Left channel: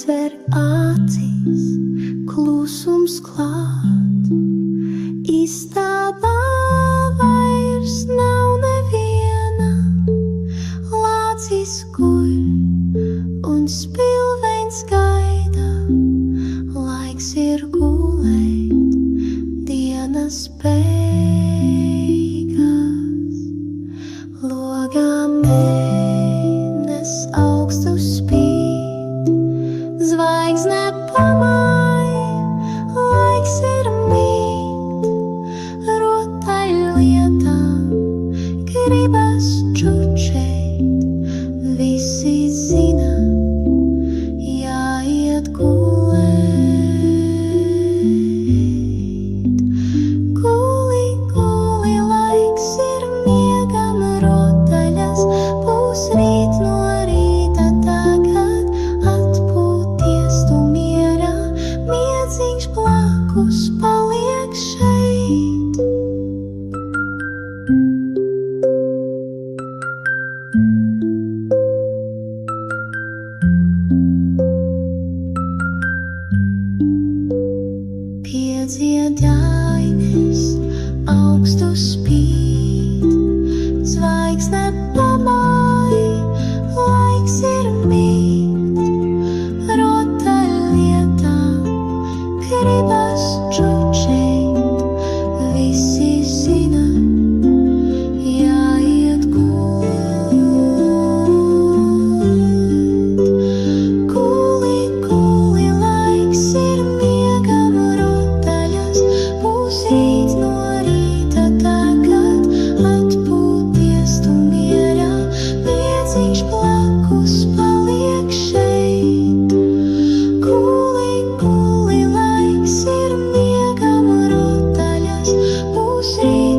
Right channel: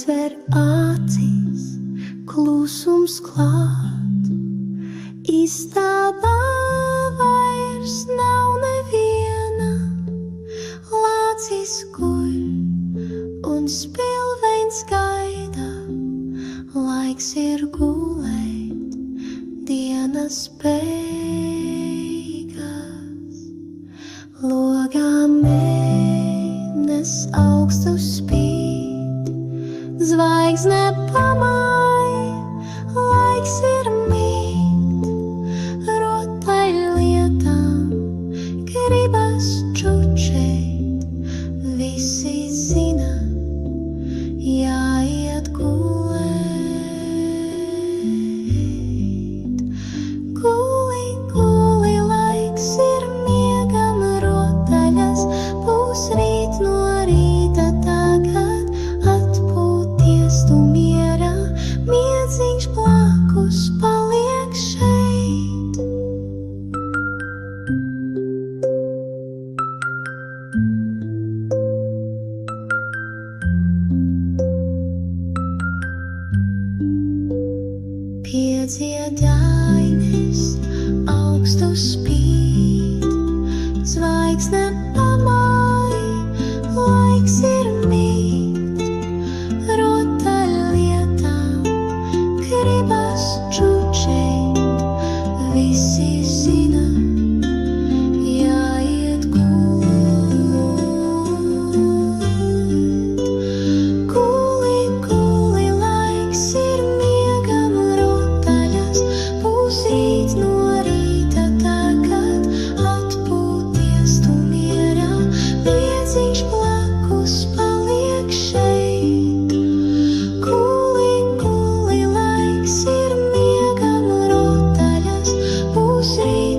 aizver acis, klusums klāt. Istabā vairs nav neviena, lācis guļ un spilveņs gaida. Laiks ir gulēt, dienas beigas. Logā mēnes augstu spīd, zvaigzne pamāj, laiks ir mīt. Rotaļlietām gribas čučēt, visi zina, jāiet gulēt. Guli, guli, laiks ir miegam rotaļas, būs rīt no rīta tagad atpūties tu mierā, miedziņš blakus paliek šeit. Piedziedājnes augstu spīd, zvaigzne pamāj, laiks ir mīt. Rotaļlietām gribas čučēt, visi zina, jāiet gulēt. Guli, guli, laiks ir miegam rotaļas, būs rīt no rīta tagad atpūties tu mierā, miedziņš blakus paliek šeit. Guli, guli, laiks ir miegam rotaļas, būs rīt